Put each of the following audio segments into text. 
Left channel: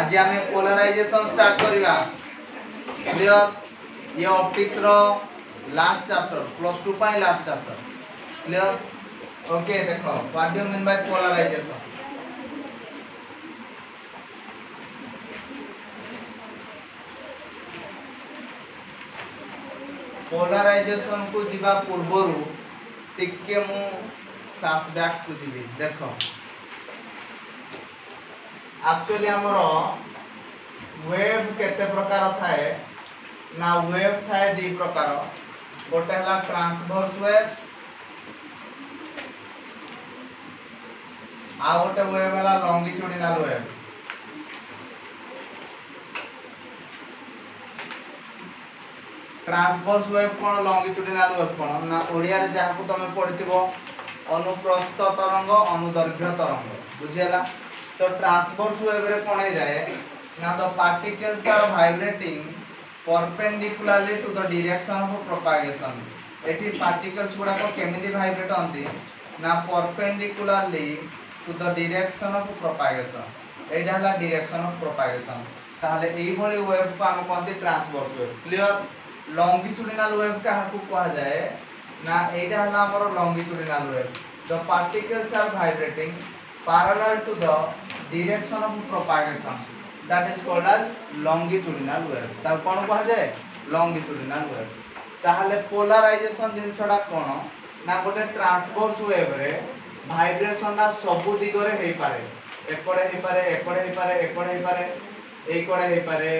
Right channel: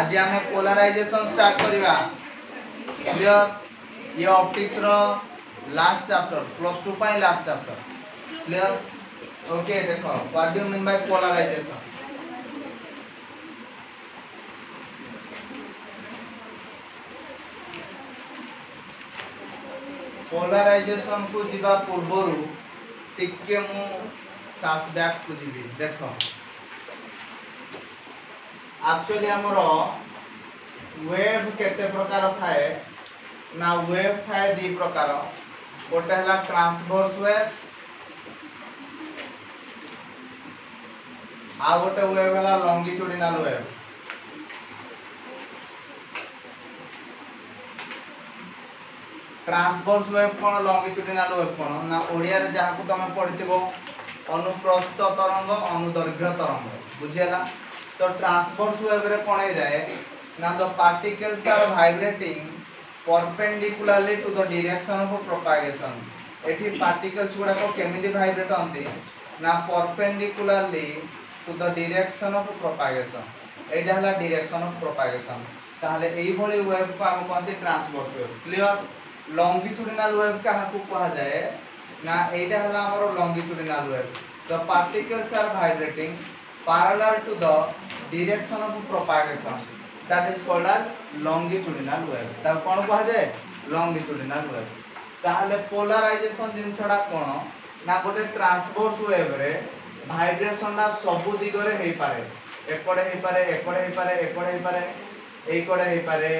आज आम polarisation start करवा क्लियर। ये ऑप्टिक्स रो लास्ट चैप्टर +2 पाई लास्ट चैप्टर क्लियर। ओके देखो what do you mean by polarisation. Polarisation को जीवा पूर्व टिके मु फ्लैशबैक को जीवी देखो। एक्चुअली हमर वेव केते प्रकार थाए ना वेव थाए दी प्रकार। गोटे हला ट्रांसवर्स वेव आ गोटे वेव हला लॉन्गिट्यूडिनल वेव। ट्रांसवर्स वेव कोन लॉन्गिट्यूडिनल वेव कोन ना ओडिया रे जहा को तमे पढिथिबो अनुप्रस्थ तरंग अनुदैर्घ्य तरंग बुझियला। तो ट्रांसवर्स वेव रे कोन हे जाए ना the particles are vibrating perpendicularly to the direction of propagation. एठी पार्टिकल्स गुडा को केमिति वाइब्रेट होंती ना perpendicularly to the direction of propagation. एटा हला डायरेक्शन ऑफ प्रोपागेशन। ताहले एई भली वेव को हम कोनती transverse wave clear. Longitudinal wave का हमको कहा जाए ना एटा हला हमर longitudinal wave. The particles are vibrating parallel to the direction of propagation, that is called as longitudinal wave। ता कोन कहा जाए longitudinal wave। ताहले पोलराइजेशन जिनसडा कोन ना गोटे ट्रांसवर्स वेव रे वाइब्रेशन दा सब दिगरे हेई पारे। एकड़े हेई पारे एकड़े हेई पारे एकड़े हेई पारे एई कोडे हेई पारे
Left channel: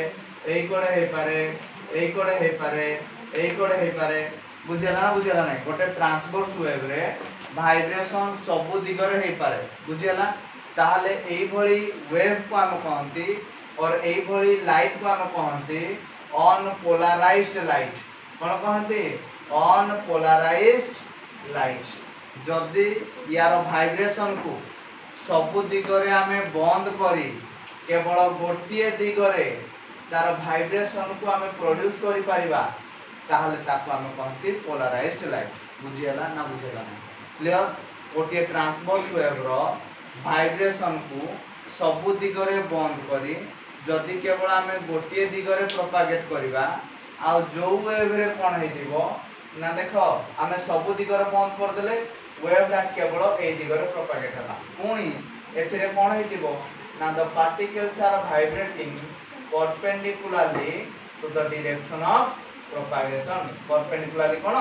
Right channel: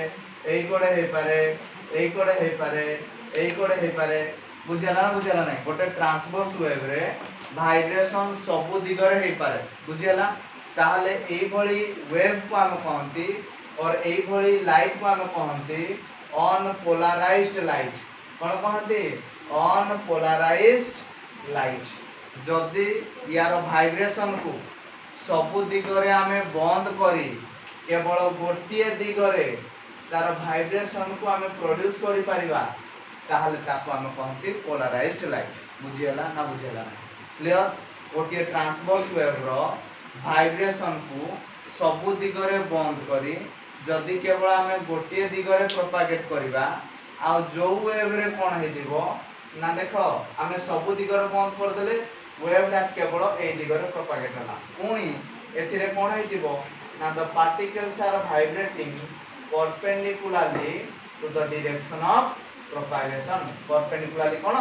एई कोडे हेई पारे एई कोडे हेई पारे एई कोडे हेई पारे बुझियला ना बुझियला नै। गोटे ट्रांसवर्स वेव रे वाइब्रेशन सब दिगरे हेई पारे बुझियला। ताहले एई भली वेव को हम कहंती और एई भली लाइट को हम कहंती अनपोलराइज्ड लाइट। कोन कहंती अनपोलराइज्ड लाइट। जदी यार वाइब्रेशन को सब दिगरे हमें बंद करी केवल गोटिए दिगरे तार वाइब्रेशन को हमें प्रोड्यूस करि परिबा ताहले ताको हम कहंती पोलराइज्ड लाइट बुझियला ना बुझियला ना क्लियर। गोटे ट्रांसवर्स वेव रो वाइब्रेशन को सब दिगरे बंद करी जदि केवल हमें गोटे दिगरे प्रोपागेट करिबा आ जो वेव रे कोन हेदिबो ना देखो हमें सब दिगरे बंद कर देले वेव ला केवल ए दिगरे प्रोपागेट हला। पुनी एथिरे कोन हेदिबो ना the particles are vibrating perpendicularly to the direction of propagation। perpendicularly कोन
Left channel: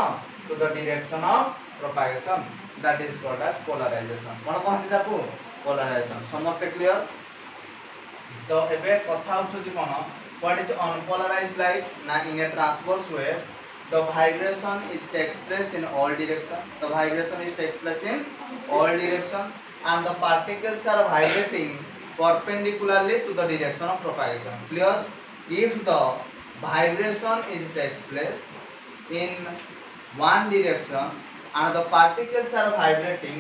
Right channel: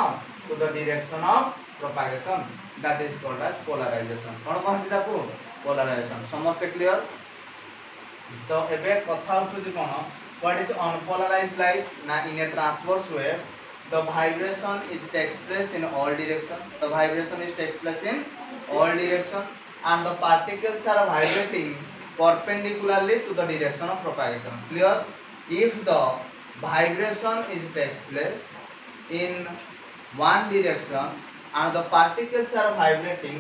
to the direction of propagation, that is called as polarization। कोन कहंती ताकू polarization। समस्त क्लियर। तो एबे कथा उठुची कोन what is unpolarized light ना in a transverse wave the vibration is takes place in all direction। the vibration is takes place in all direction and the particles are vibrating perpendicularly to the direction of propagation clear। if the vibration is takes place in one direction and the particles are vibrating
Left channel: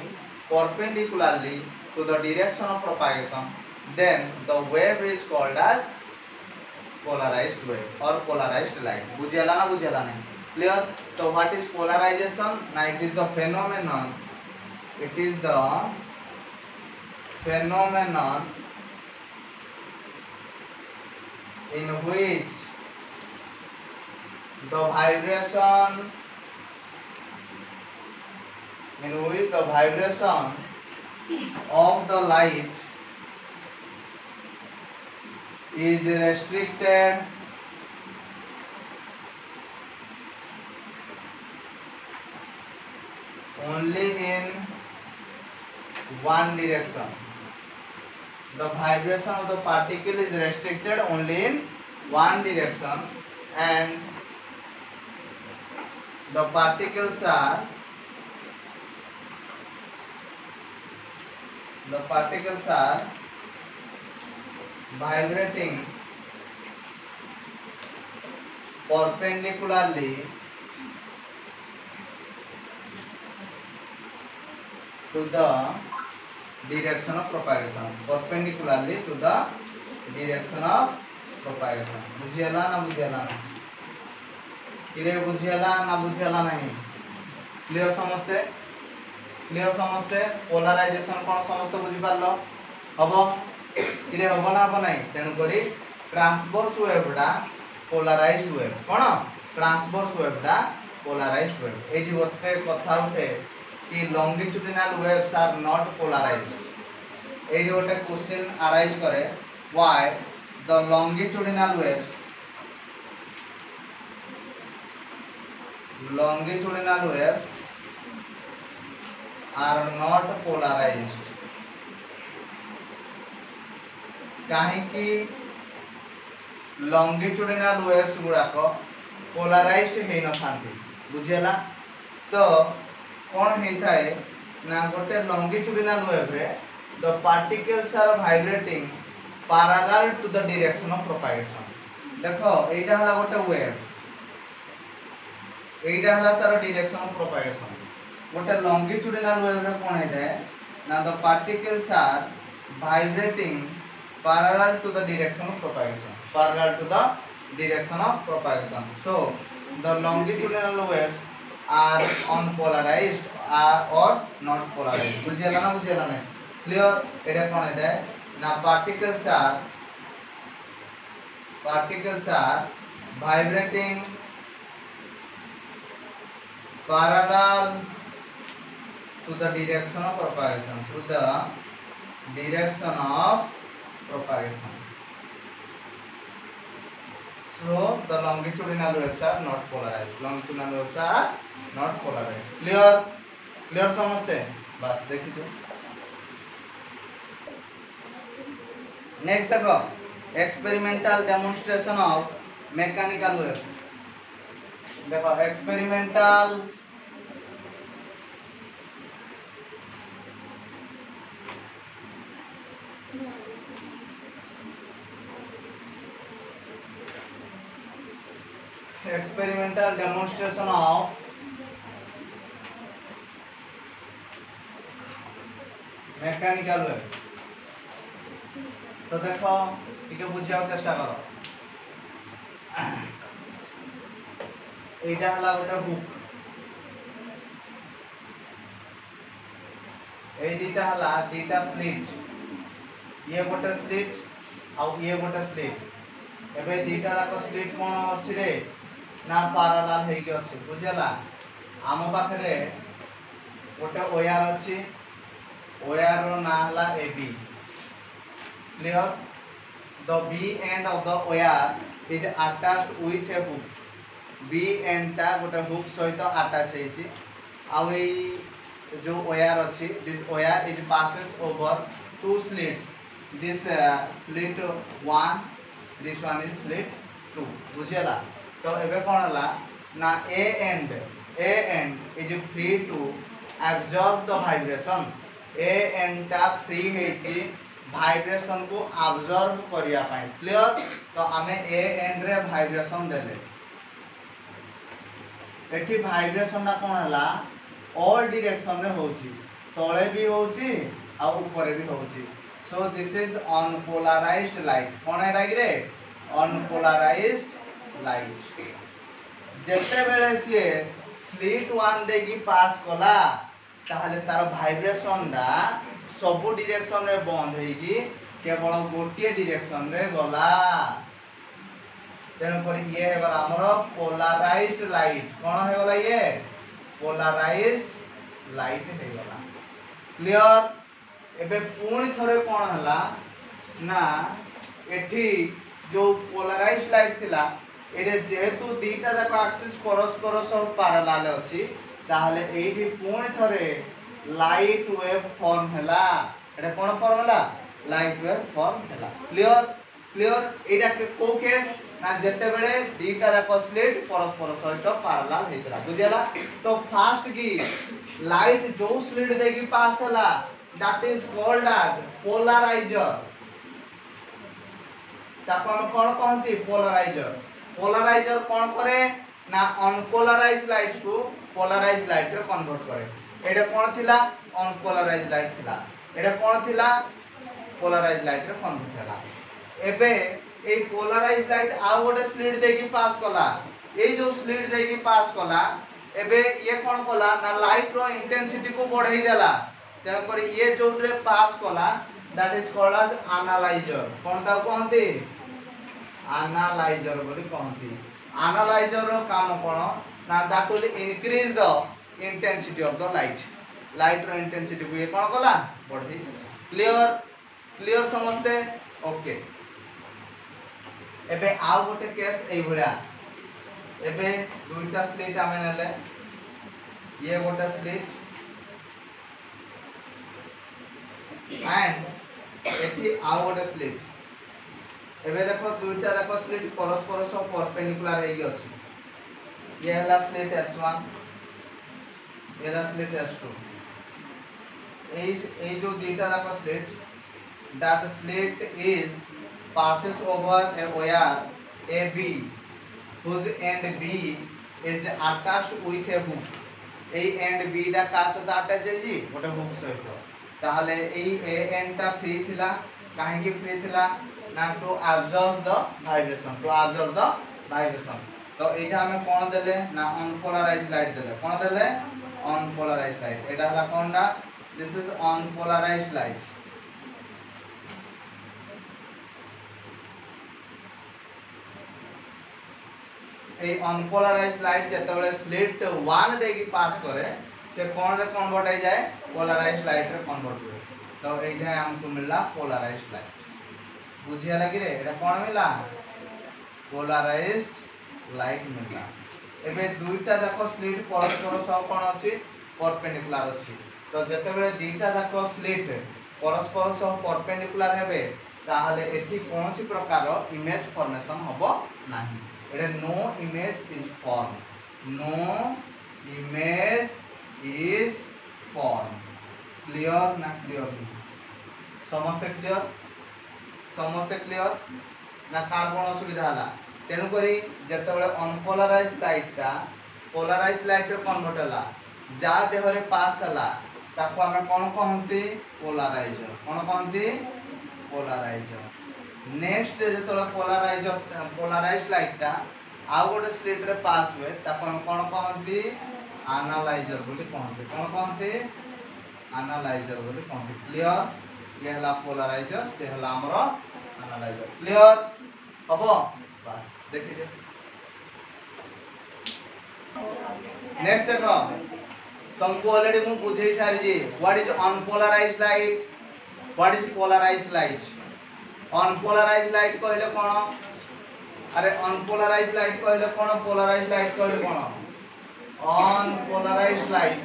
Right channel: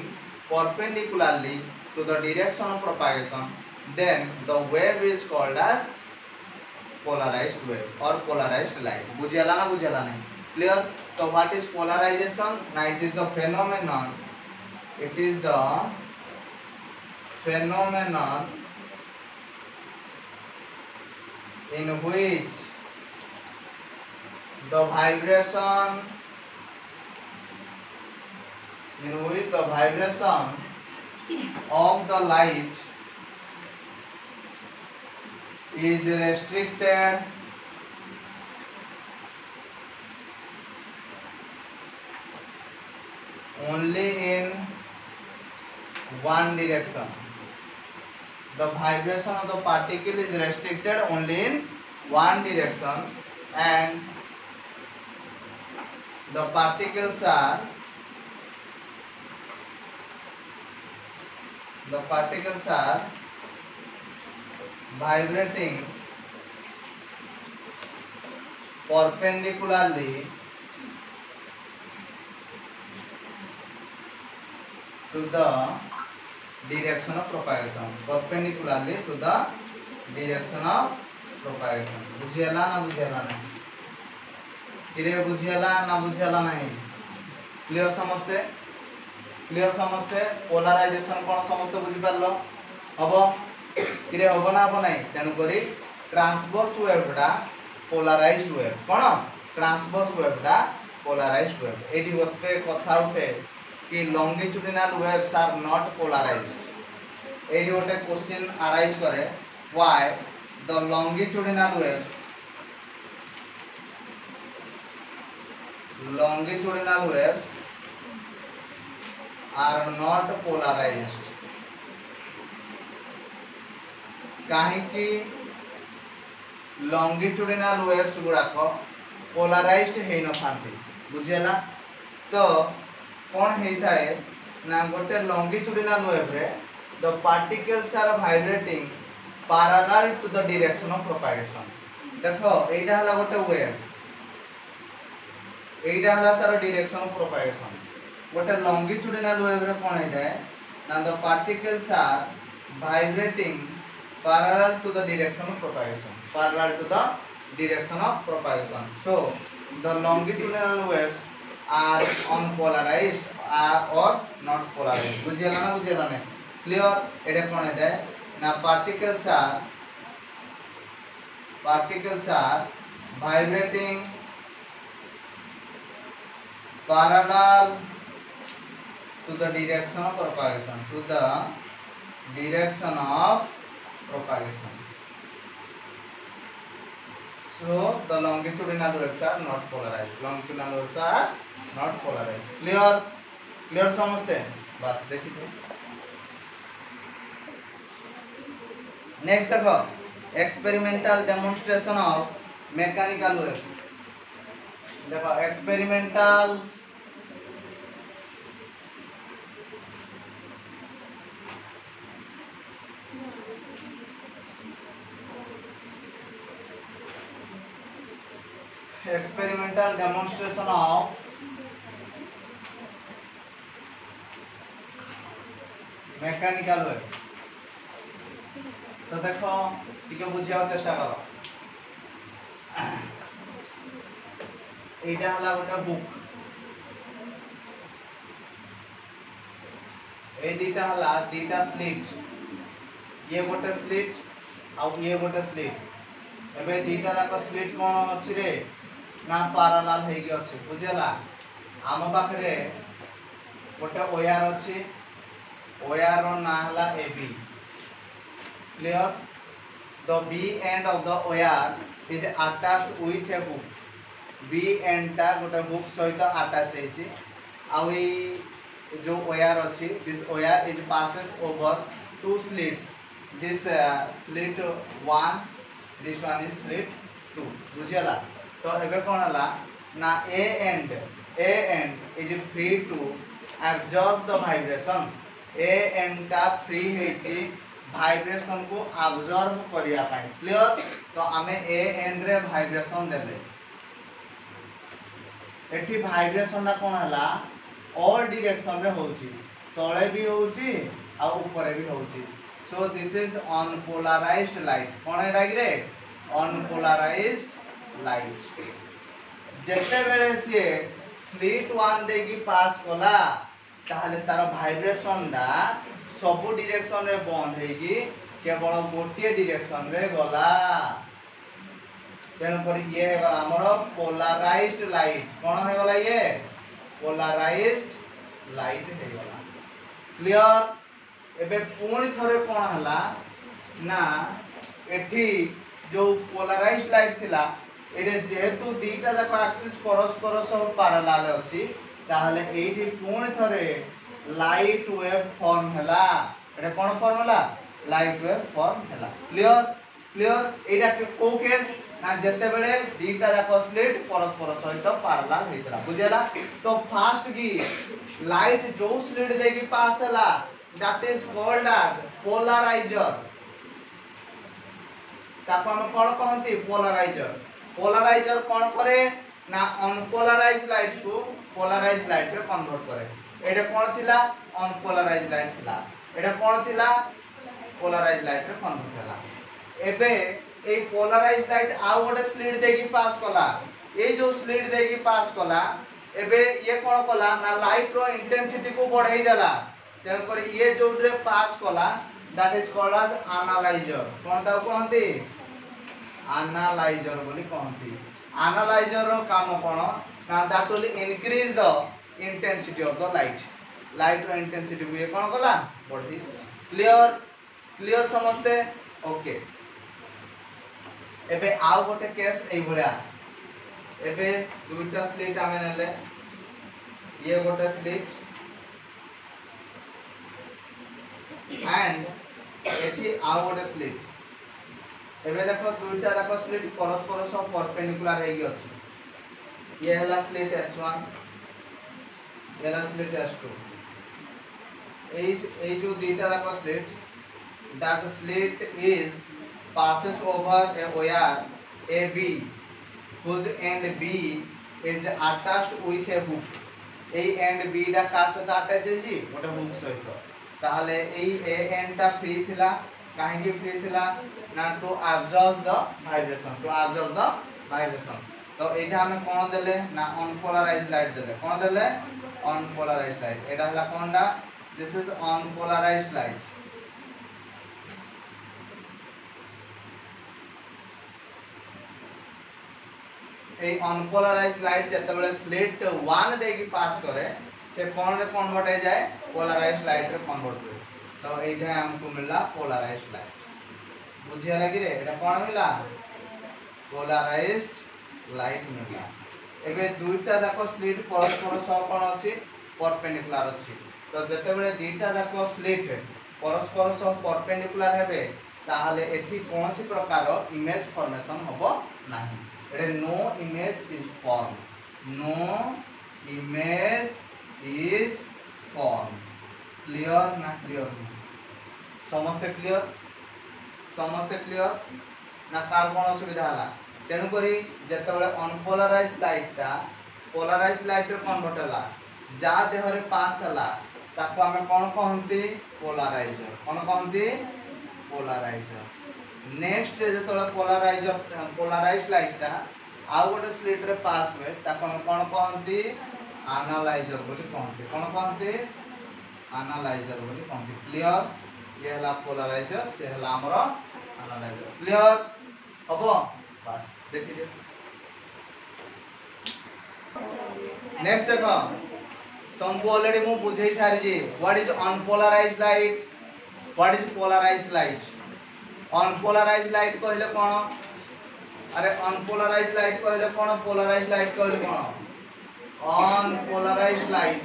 perpendicularly to the direction of propagation then the wave is called as polarized wave or polarized light। बुझियला ना बुझियला नहीं clear. तो what is polarization ना it is the phenomenon in which the vibration of the light is restricted only in one direction। the vibration of the particle is restricted only in one direction and the particles are vibrating perpendicularly to the direction of propagation। perpendicularly to the direction of propagation। बुझियला ना बुझियला ना इरे बुझियला ना बुझियला नहीं clear समझते clear समझते polarisation कोन समझते बुझि पारलो हबो कि हम ना हम ना तेणुक ट्रांसवर्स वेवटा पोलाराइज्ड वेव कौन ट्रांसवर्स वेवटा पोलाराइज्ड वेव एटी गोटे कथा उठे कि longitudinal waves are not polarized एटी गोटे क्वेश्चन अराइज करे why the longitudinal waves are not polarized कहीं कि लॉन्गिट्यूडिनल वेव्स गुड़ाक पोलाराइज्ड है न थांती बुझेला तो कौन होता है ना गोटे लॉन्गिट्यूडिनल वेव रे the particles are vibrating parallel to the direction of propagation देखो एटा हला गोटे वेव एटा हला तार डायरेक्शन ऑफ प्रोपगेशन गोटे लॉन्गिट्यूडिनल वेव रे कौन होता है ना the particles are vibrating parallel to the direction of propagation parallel to the direction of propagation so the longitudinal waves are unpolarized or not polarized बुझेला ना क्लियर एटा कोन है ना particles are vibrating parallel to the direction of propagation so the longitudinal waves are not polarized longitudinal waves are not polarized clear समझते बस देखिए next देखो experimental demonstration of mechanical waves देखो experimental demonstration of mechanical wave तो देखो ठीक बुझा चेष्टा करो एटा हला गोटे बुक ए दीटा हला दीटा स्लिट ये गोटे स्लिट आ ये गोटे स्लिट एबे दीटा जाक स्लिट कोन अछि रे ना पैरेलल हे कि अछि बुझला आम पाखरे गोटे वायर अछि वायर रो ना हला AB clear the b end of the wire is attached with a hook b end ता गोटे hook सहित attach हेछि आ जो wire अछि this wire is passes over two slits this slit 1 this one is slit 2 बुझेला तो एबे कोन हला ना a end is free to absorb the vibration a end ता free हेछि वाइब्रेशन को अब्जॉर्ब करिया पाए क्लियर तो आमे ए एंड रे वाइब्रेशन देले एठी वाइब्रेशन ना कोन हला ऑल डायरेक्शन रे होची तळे भी होची आ ऊपर भी होची so this is unpolarized light कोन है रे अनपोलराइज्ड लाइट जेते बेले से स्लिट 1 देगी पास कोला ताहले तार वाइब्रेशन डा सब डायरेक्शन रे बंद हेगी केवल गोटे डायरेक्शन रे गला तेन पर ये हे गला हमर पोलराइज्ड लाइट कोन हे गला ये पोलराइज्ड लाइट हे गला क्लियर एबे पूर्ण थरे कोन हला ना एठी जो पोलराइज्ड लाइट थिला एरे जेहेतु दीटा जाक एक्सिस परस्पर सब पैरेलल अछि ताहले एठी पूर्ण थरे लाइट वेव फॉर्म हला एटा कोन फॉर्म हला लाइट वेव फॉर्म हला क्लियर एटा को केस ना जते बेले दीटा जाक स्लिट परस्पर सहित पैरेलल हेतला बुझेला तो फास्ट की लाइट जो स्लिट देगी पास हला that is called as polarizer ताको हम कोन कहंती पोलराइजर कोन करे ना अनपोलराइज्ड लाइट को पोलराइज्ड लाइट रे कन्वर्ट करे एटा कोन थिला अनपोलराइज्ड लाइट थिला एटा कोन थिला पोलराइज्ड लाइट रे कन्वर्ट होला एबे ए पोलराइज्ड लाइट आ गोटे स्लिट देकी पास कला ए जो स्लिट देकी पास कला एबे ये कोन कला ना लाइट रो इंटेंसिटी को बढ़ाई देला तेन पर ये जो रे पास कला that is called as analyser कोन ता कहंती एनालाइजर बोली कहंती एनालाइजर रो काम कोन ना that will increase the intensity of the light रो इंटेंसिटी को कोन कला बढ़ी क्लियर समझते ओके एबे आउ गोटे केस एई भलिया एबे दुईटा स्लिट आमे नेले ये गोटे स्लिट एंड एठी आउ गोटे स्लिट एबे देखो दुईटा देखो स्लिट परस्पर सब परपेंडिकुलर हेगी अछि ये हला स्लिट S1 ये हला स्लिट S2 ए जो दुईटा देखो slit that slit is passes over a wire AB whose end B is attached with a hook এই end B টা কার সাথে अटैच है जी ওটা হুক সহিত তাহলে এই A end টা ফ্রি থিলা কাহিকি ফ্রি থিলা না টু অ্যাবজর্ব দ ভাইব্রেশন তো এইটা আমি কোন দেলে না অনপোলারাইজড লাইট দেলে কোন দেলে অনপোলারাইজড লাইট এটা হলা কোনটা দিস ইজ অনপোলারাইজড লাইট এই अनपोलराइज्ड लाइट যেতবেলে স্লিট 1 দেকি পাস করে সে কোন রে কনভার্ট হয়ে যায় পোলারাইজ্ড লাইট রে কনভার্ট করে তো এইটা हमको मिलला पोलराइज्ड लाइट বুঝিয়া লাগি রে এটা কোন মিলা পোলারাইজ্ড লাইট মিললা এবে দুইটা দেখো স্লিট পরস্পর সহ কোন আছে পারপেন্ডিকুলার আছে তো যেতবেলে দুইটা দেখো স্লিট পরস্পর সহ পারপেন্ডিকুলার হেবে তাহলে এটি কোনসি প্রকার ইমেজ ফর্মেশন হবো नाही एटे no image is form clear ना क्लियर समस्त क्लियर ना कार कोन असुविधा हला तेनु करी जेतेबेले अनपोलराइज्ड लाइट टा पोलराइज्ड लाइट रे कन्वर्ट हला जा देह रे पास हला ताको हम कोन कहंती पोलराइजर नेक्स्ट जेतोला पोलराइज्ड लाइट टा आ गोटे स्लिट रे पास हुए ताको हम कोन कहंती एनालाइजर बोली कहंती कोन कहंती एनालाइजर बोली कहंती क्लियर ये हला पोलराइजर से हला हमरो एनालाइजर क्लियर हबो बस देखिए नेक्स्ट देखो तुमको ऑलरेडी मु बुझाई सारी जी what is unpolarized light what is polarized light unpolarized light कहले कोन अरे अनपोलराइज्ड लाइट कहले कोन पोलराइज्ड लाइट कहले कोन अनपोलराइज्ड लाइट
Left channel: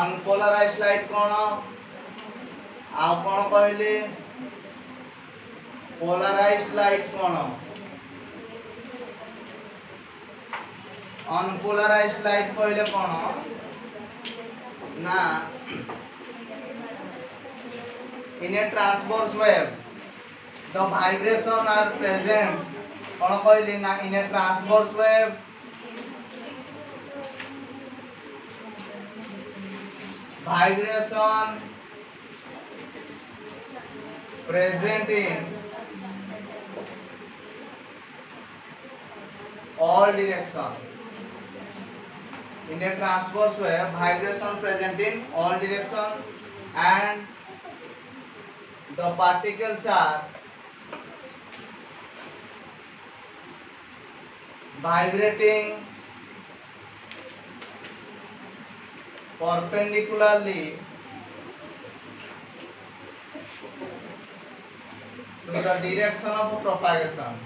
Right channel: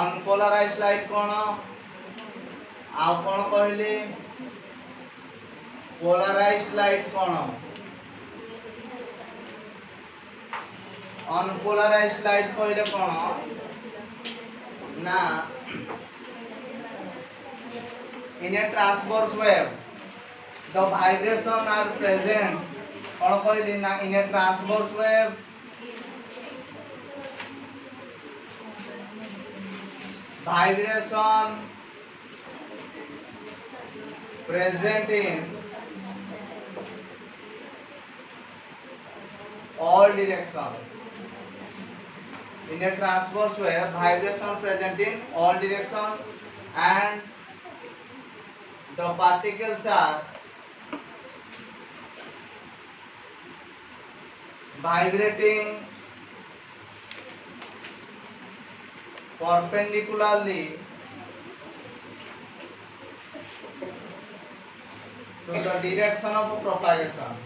अनपोलराइज्ड लाइट कोन आ कोन कहले पोलराइज्ड लाइट कोन अनपोलराइज्ड लाइट कहले कोन ना in a transverse wave the vibration are present कोन कहले ना in a transverse wave vibration present in all direction in a transverse wave vibration present in all direction and the particles are vibrating perpendicularly to the direction of propagation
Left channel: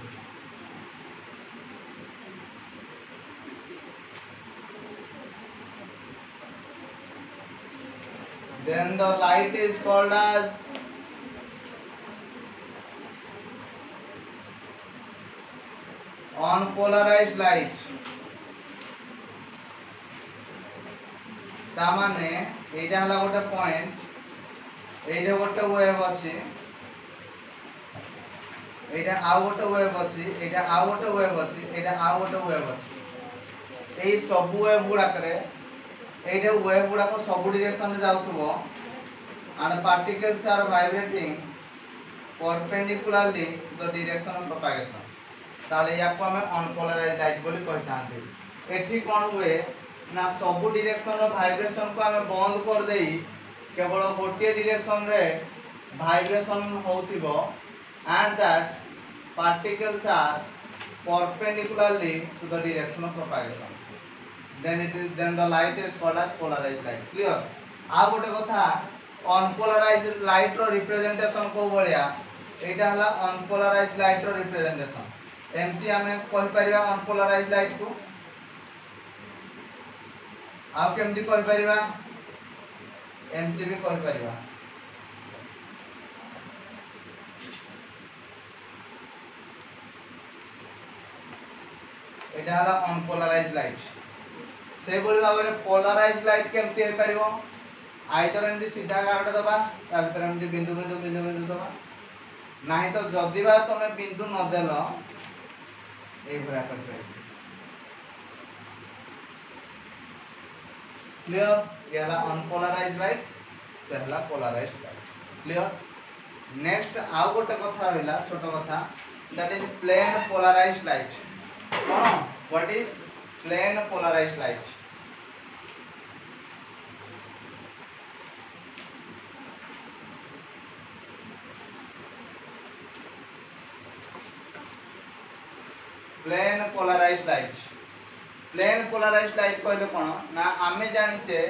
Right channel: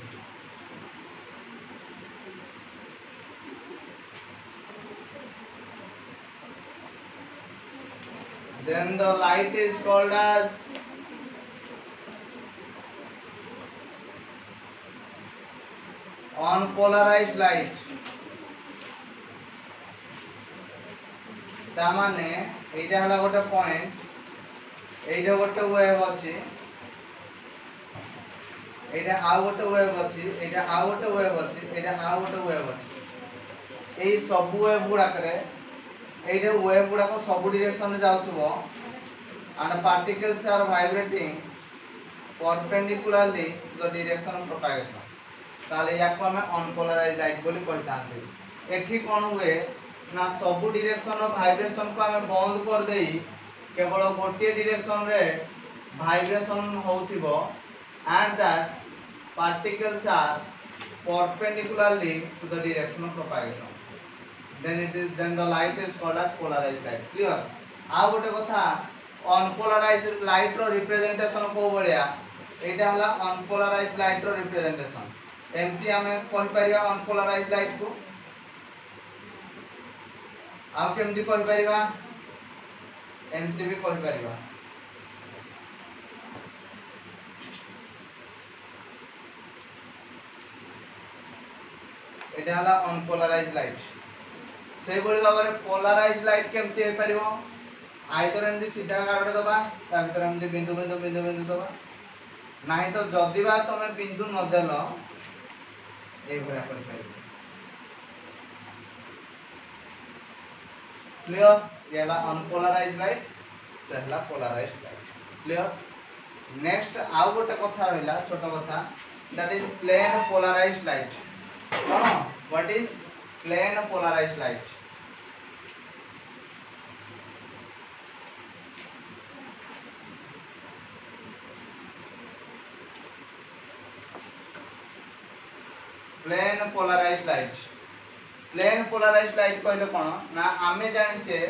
then the light is called as unpolarized light ता माने एटा हला गोटे point एटा गोटे wave अछि एटा आ गोटे wave अछि एटा आ गोटे wave अछि एटा आ गोटे वेव अछि एई सब वेव गुडा करे एटा वेव गुडा को सब डायरेक्शन में जाउथबो and particles are vibrating perpendicularly to the direction of propagation ताले याको हमें अनपोलराइज लाइट बोली कहतांते। एठी कोन हुए ना सब डायरेक्शन रो वाइब्रेशन को हमें बंद कर देई केवल गोटे डायरेक्शन रे वाइब्रेशन होथिबो and that particles are perpendicularly to the direction of propagation, then the light is called as polarized light. Clear? आ गोटे कथा अनपोलराइज्ड लाइट रो रिप्रेजेंटेशन को बलिया एटा हला अनपोलराइज्ड लाइट रो रिप्रेजेंटेशन। एमती हमें कहि परिया अनपोलराइज्ड लाइट को आप केमती कहि परिबा एमती भी कहि परिबा। एटा हला अनपोलराइज्ड लाइट। से बोली भाबरे पोलराइज्ड लाइट केमती हे परिबो आइदर एमती सीधा कार्ड दबा ता भीतर एमती बिंदु बिंदु बिंदु बिंदु दबा नाही तो जदी बा तमे बिंदु न देलो ए भरा कर परिबो। क्लियर? ये हला अनपोलराइज्ड लाइट से हला पोलराइज्ड लाइट। क्लियर? नेक्स्ट आउ गोटे कथा रहला छोट कथा that is plane polarized light. What is plane polarized light? Plane polarized light. Plane polarized light कहले कोन ना आमे जानिचे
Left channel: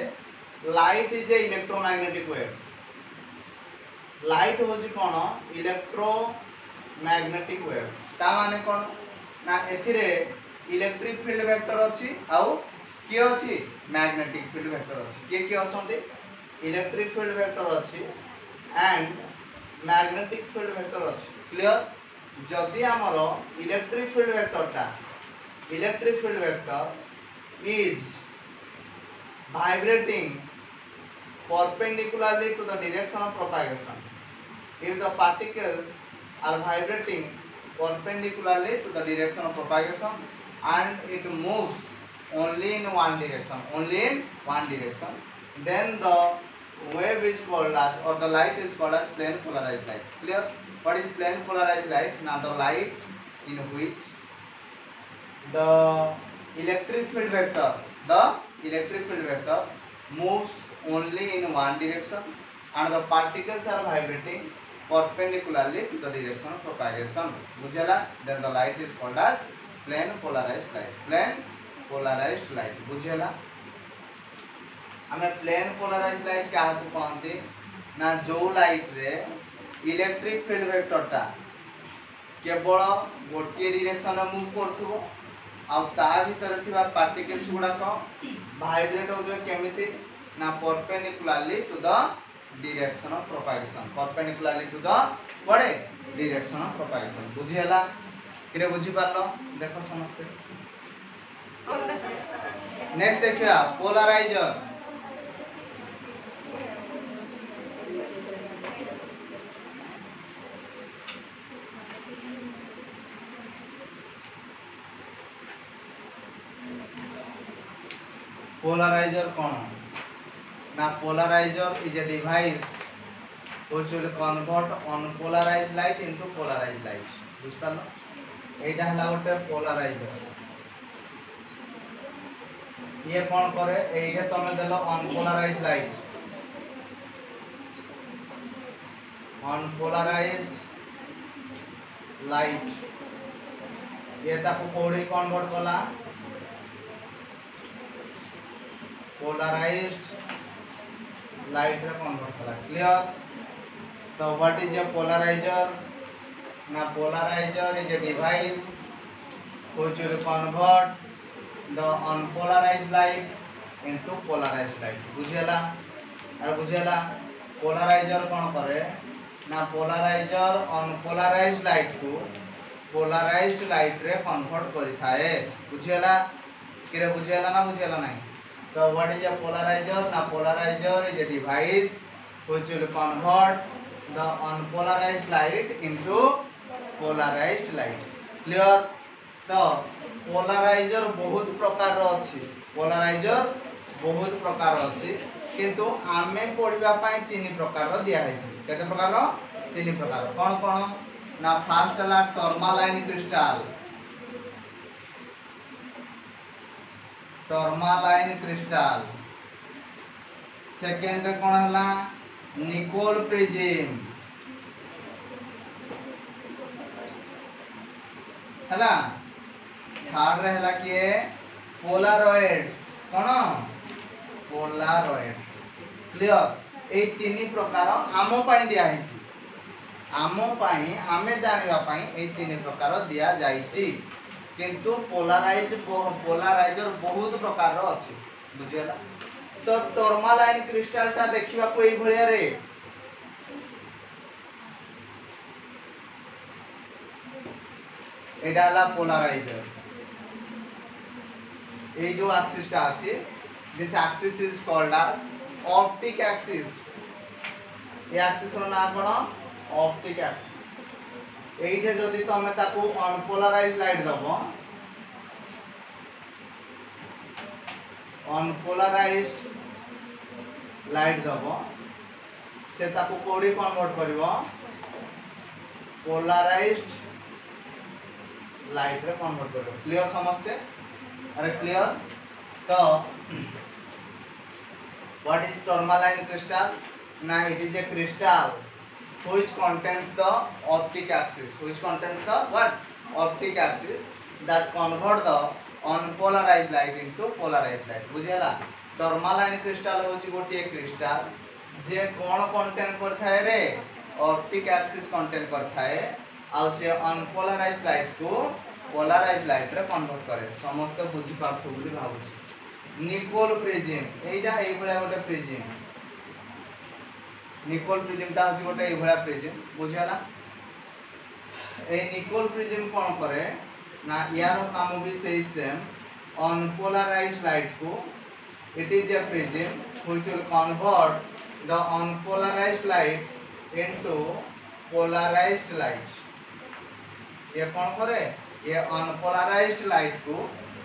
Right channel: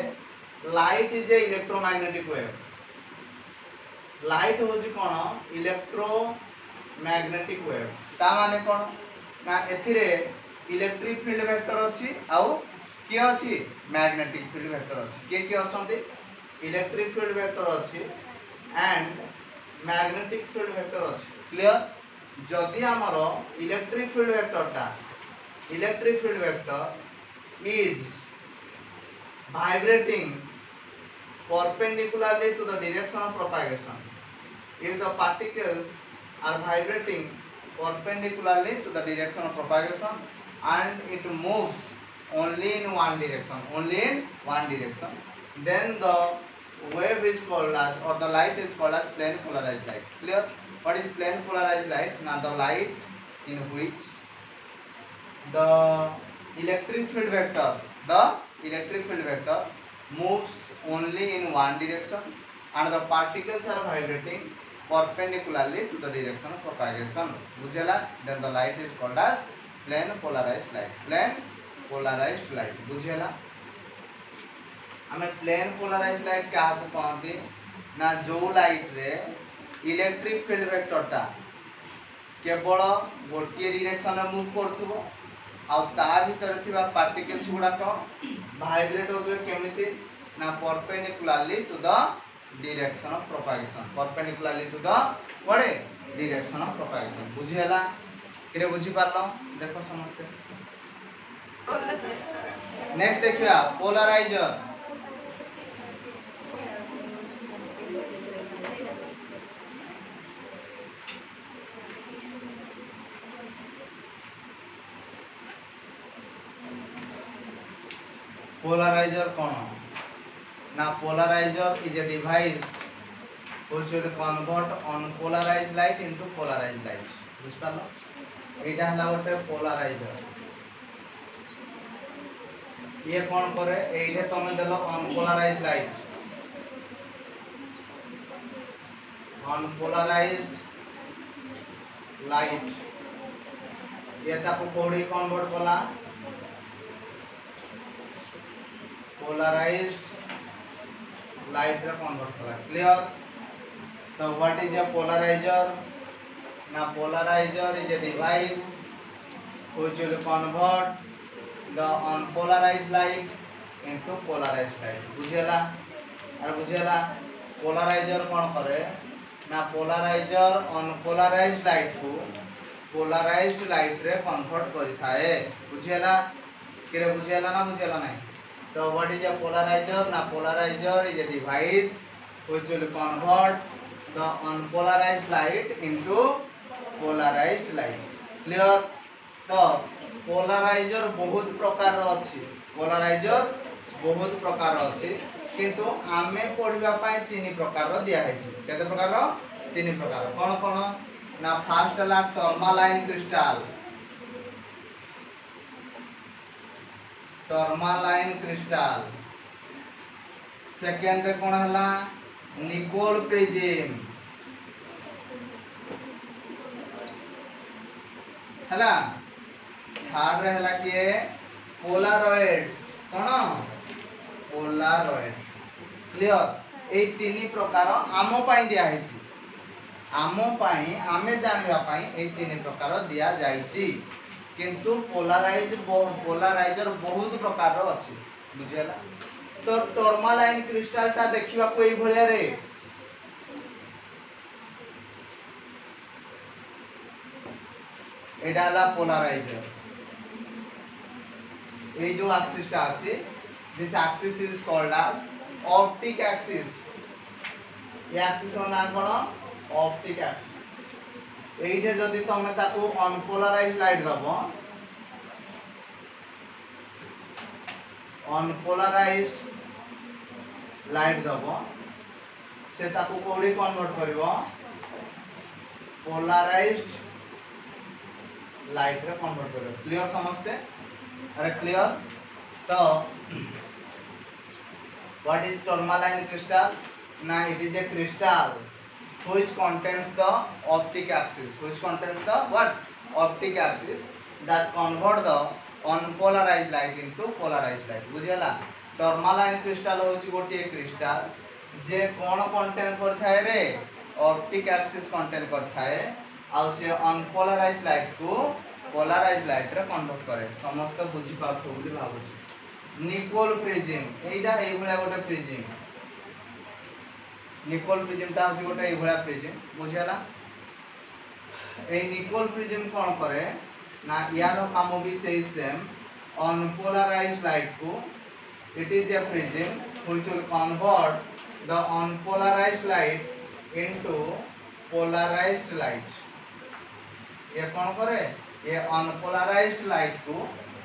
light is a electromagnetic wave. Light होजी कोन इलेक्ट्रोमैग्नेटिक वेव। ता माने कोन ना एथिरे इलेक्ट्रिक फील्ड वेक्टर अछि आउ के अछि मैग्नेटिक फील्ड वेक्टर अछि। के अछंती इलेक्ट्रिक फील्ड वेक्टर अछि एंड मैग्नेटिक फील्ड वेक्टर अछि। क्लियर? जदि हमरो electric field vector is vibrating perpendicularly to the direction of propagation, if the particles are vibrating perpendicularly to the direction of propagation and it moves only in one direction, then the wave is called as, or the light is called as plane polarized light. Clear? What is plane polarized light? Now the light in which the electric field vector moves only in one direction and the particles are vibrating perpendicularly to the direction of propagation. बुझेला? Then the light is called as plane polarized light. Plane polarized light. बुझेला? हमें plane polarized light क्या कहते ना जो light रे electric field वेक्टरटा केवल गोटे डायरेक्शन में मूव करथबो आ ता भीतर थिबा पार्टिकल्स गुडा को वाइब्रेट होबे केमिति ना perpendicularly to the direction of propagation. Perpendicularly to the what direction of propagation. बुझियला केरे बुझि पारलो? देखो समझते नेक्स्ट देखिया पोलराइजर। पोलराइजर कौन ना polarizer is a device which will convert unpolarized light into polarized light। बुझ पालो? एटा हला गोटे पोलराइजर। ये कौन करे एइरे तमे देलो अनपोलराइज्ड लाइट, ये ताको कोडी कन्वर्ट कला polarized light रे कन्वर्ट कला। क्लियर? तो व्हाट इज ए पोलराइजर ना polarizer is a device which will convert the unpolarized light into polarized light। बुझेला? अरे बुझेला? पोलराइजर कौन करे ना पोलराइजर अनपोलराइज्ड लाइट को पोलराइज्ड लाइट रे कन्वर्ट करि थाए। बुझेला? किरे बुझेला ना बुझेला नहीं? So what is a polarizer? Na polarizer is a device which will convert the unpolarized light into polarized light। Clear? तो polarizer बहुत प्रकार रो अछि। polarizer बहुत प्रकार रो अछि किंतु आमे पढिबा पय तीन प्रकार रो दिया है छी। केते प्रकार रो? तीन प्रकार। कोन कोन ना फर्स्ट ला टर्मालाइन क्रिस्टल, टर्मालाइन क्रिस्टाल। सेकेंड कौन है निकोल प्रिज्म है। थर्ड है किए पोलारॉइड्स कौन पोलारॉइड्स। क्लियर ए तीन प्रकार आम पाई दिया है आम पाई आमे जानिबा पाई ए तीन प्रकार दिया जाइछि किंतु पोलाराइजर बहुत प्रकार अछि बुझियला। तो टर्मालाइन क्रिस्टल टा देखिबा को एई भलिया रे एडा ला पोलाराइजर। ए जो एक्सिस टा अछि this axis is called as optic axis. ए एक्सिस रो नाम कोन ऑप्टिक एक्सिस। एइठे जदि तमे ताकू अनपोलराइज लाइट दबो अनपोलराइज लाइट दबो से ताकू कोडी कन्वर्ट करिवो पोलराइज्ड लाइट रे कन्वर्ट करिवो। क्लियर समझते अरे क्लियर। तो व्हाट इज टर्मालाइन क्रिस्टल ना it is a crystal which contains the optic axis which contains the what optic axis that convert the unpolarized light into polarized light बुझियला। Tourmaline crystal होची गोटे crystal जे कोन contain करथाय रे optic axis contain करथाय आ से अनपोलराइज्ड लाइट को पोलराइज्ड लाइट रे कन्वर्ट करे। समस्त बुझी पाथो बुझी भाबुची। निकोल प्रिज्म एइटा एई भलिया गोटे प्रिज्म निकोल प्रिज्म टा होची गोटे एई भलिया प्रिज्म बुझियला। ए निकोल प्रिज्म कोन करे ना यार काम भी सेही सेम अनपोलराइज्ड लाइट को it is a prism which will convert the unpolarized light into polarized light। ये कौन करे ये अनपोलराइज्ड लाइट को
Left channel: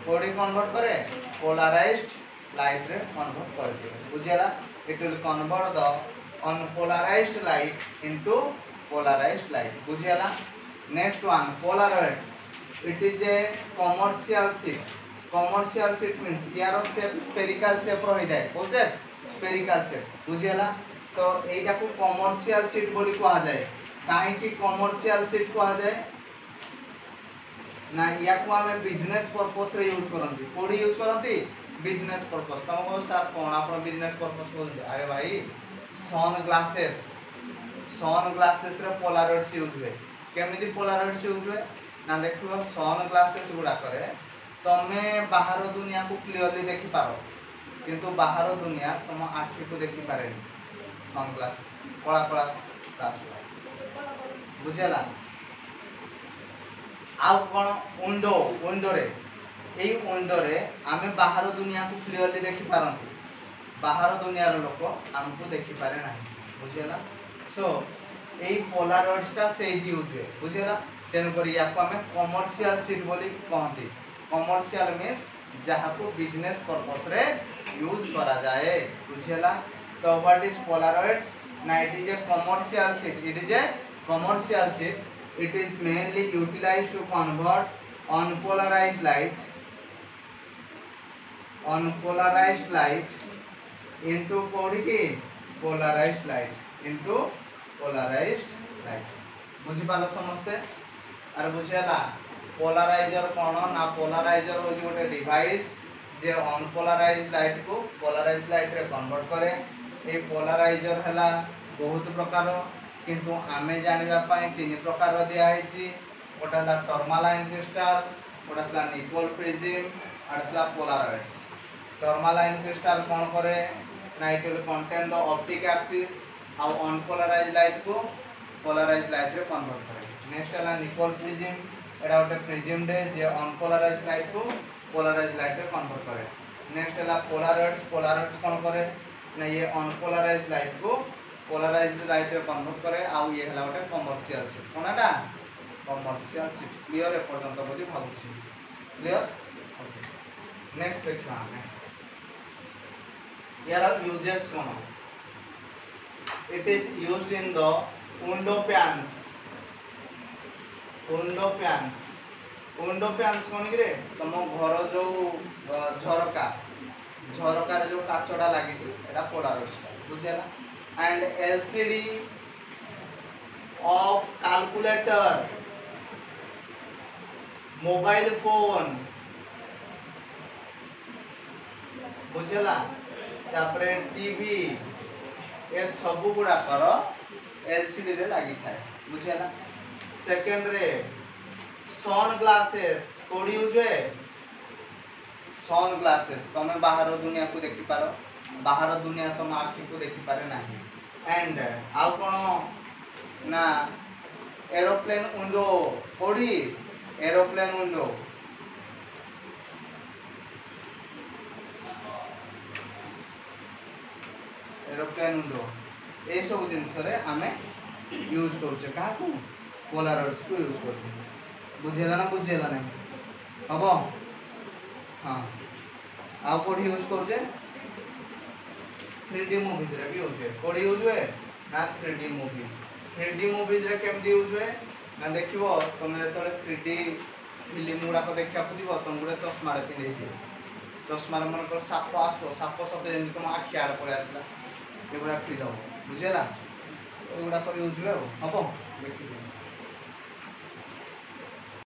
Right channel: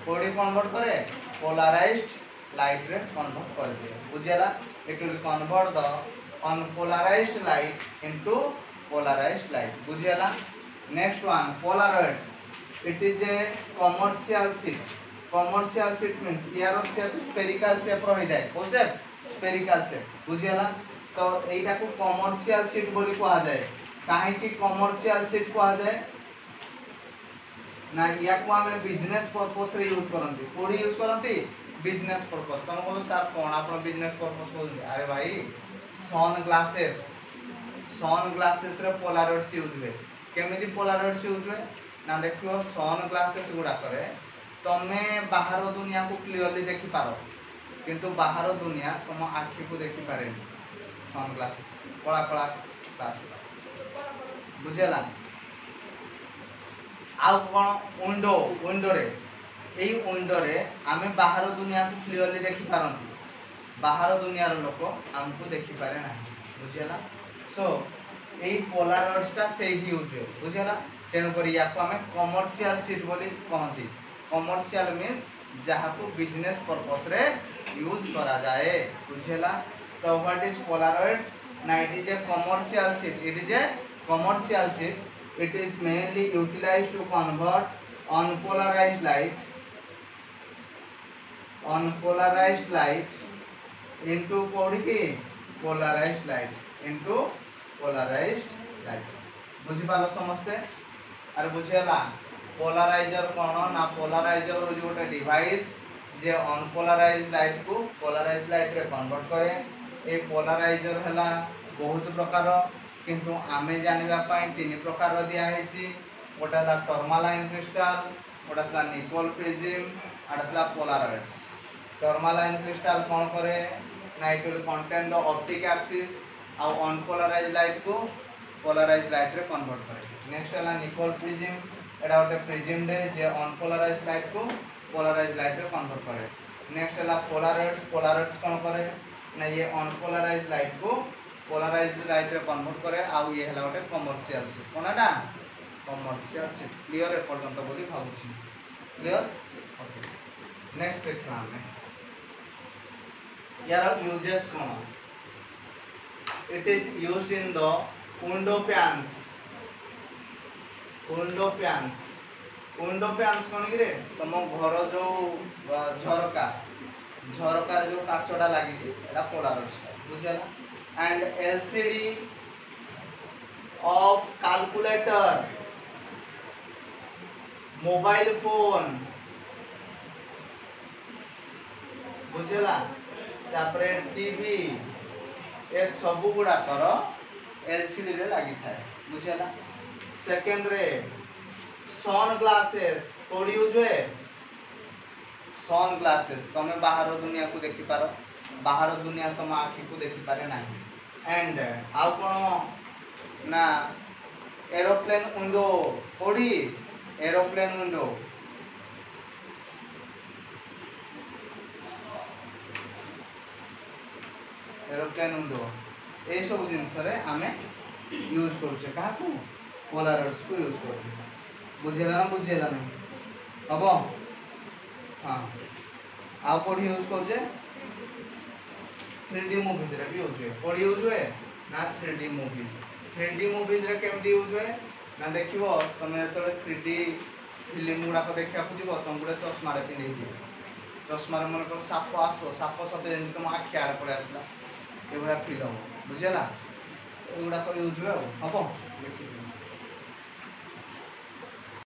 कोडी कन्वर्ट करे पोलराइज्ड लाइट रे कन्वर्ट कर दे बुझियला। it will convert the unpolarized light into polarized light बुझियला। Next one polaroids it is a commercial sheet। Commercial sheet means यार शेप स्फेरिकल शेप रही जाए को शेप स्फेरिकल शेप बुझियला। तो एटा को कमर्शियल शीट बोली कहा जाए काहे कि कमर्शियल शीट कहा जाए ना या को हमें बिजनेस पर्पस रे यूज करंती कोडी यूज करंती बिजनेस पर्पस। तुमको सर कोन आपन बिजनेस पर्पस बोल अरे भाई सन ग्लासेस रे पोलारॉइड्स यूज हुए केमिति पोलारॉइड्स यूज हुए ना देखियो सन ग्लासेस गुडा करे तमे बाहर दुनिया को क्लियरली देखि पारो किंतु बाहर दुनिया तुम आखि को देखि पारे सन ग्लासेस कला कला ग्लास बुझेला। आउ कोन विंडो रे एई विंडो रे आमे बाहर दुनिया को क्लियरली देखि पारंती बाहर दुनिया रो लोक हमको देखि पारे ना बुझेला। सो एई पोलारॉइड्स टा से यूज है बुझेला। तेन पर या को हमें कमर्शियल शीट बोली कहंती। कमर्शियल मींस जहाँ को बिजनेस पर्पस रे यूज करा जाए बुझेला। तो व्हाट इज पोलारॉइड्स ना it is a commercial sheet it is a commercial sheet it is mainly utilized to convert unpolarized light into कोडी की polarized light into polarized light बुझी पालो समझते अरे बुझेला। पोलराइजर कौन ना पोलराइजर हो गोटे डिवाइस जे अनपोलराइज्ड लाइट को पोलराइज्ड लाइट रे कन्वर्ट करे। ए पोलराइजर हला बहुत प्रकार किंतु आमे जानिबा पई तीन प्रकार दिया हेची गोटा हला टर्मालाइन क्रिस्टल गोटा हला निकोल प्रिज्म आर हला पोलराइड्स। टर्मालाइन क्रिस्टल कौन करे ना it will contain the optic axis आ अनपोलराइज्ड लाइट को पोलराइज्ड लाइट रे कन्वर्ट करे। नेक्स्ट हला निकोल प्रिज्म एटा गोटे प्रिज्म दे जे अनपोलराइज्ड लाइट को पोलराइज्ड लाइट रे कन्वर्ट करे। नेक्स्ट हला पोलराइड्स कौन करे ना ये अनपोलराइज्ड लाइट को पोलराइज्ड लाइट रे कन्वर्ट करे। आ ये हला गोटे कमर्शियल शीट कोनटा कमर्शियल शीट। क्लियर ए पर्यंत बोली भाबुछी क्लियर ओके। नेक्स्ट देखिबा हमें यार uses cone it is used in the window pans window fans कौन कि तुम घर जो झरका झरकार जो काचटा लगी पोलारोइड्स बुझेगा and LCD of calculator mobile phone बुझेला तापरे टीवी ये सब गुड़ाकर एलसीडी रे लगी थाए बुझेला सेकंड रे सन ग्लासेस कोड यूज हुए सन ग्लासेस तुम बाहर दुनिया को देखि पारो बाहर दुनिया तुम आखि को देखि पारे नाही एंड आउ कोन ना एरोप्लेन विंडो कोडी एरोप्लेन विंडो एरोप्लेन विंडो ए सब जिनस रे आमे यूज करूचे का को पोलारोइड्स को यूज करूचे बुझेला ना बुझेला नहीं हबो हाँ आउ कोड यूज करूचे 3D मूवीज रे भी यूज हुए कोड यूज हुए ना 3D मूवीज रे केमदी यूज हुए ना देखिबो तुम जतले 3D फिल्म गुडा को देखा खुदिबो तुम गुडे चश्मा रे पिंदे दियो चश्मा रे मन कर साप आसो साप सते जेन तुम आखि आड़ पड़े आसला एगुडा फील हो बुझेला एगुडा को यूज हुए हबो देखि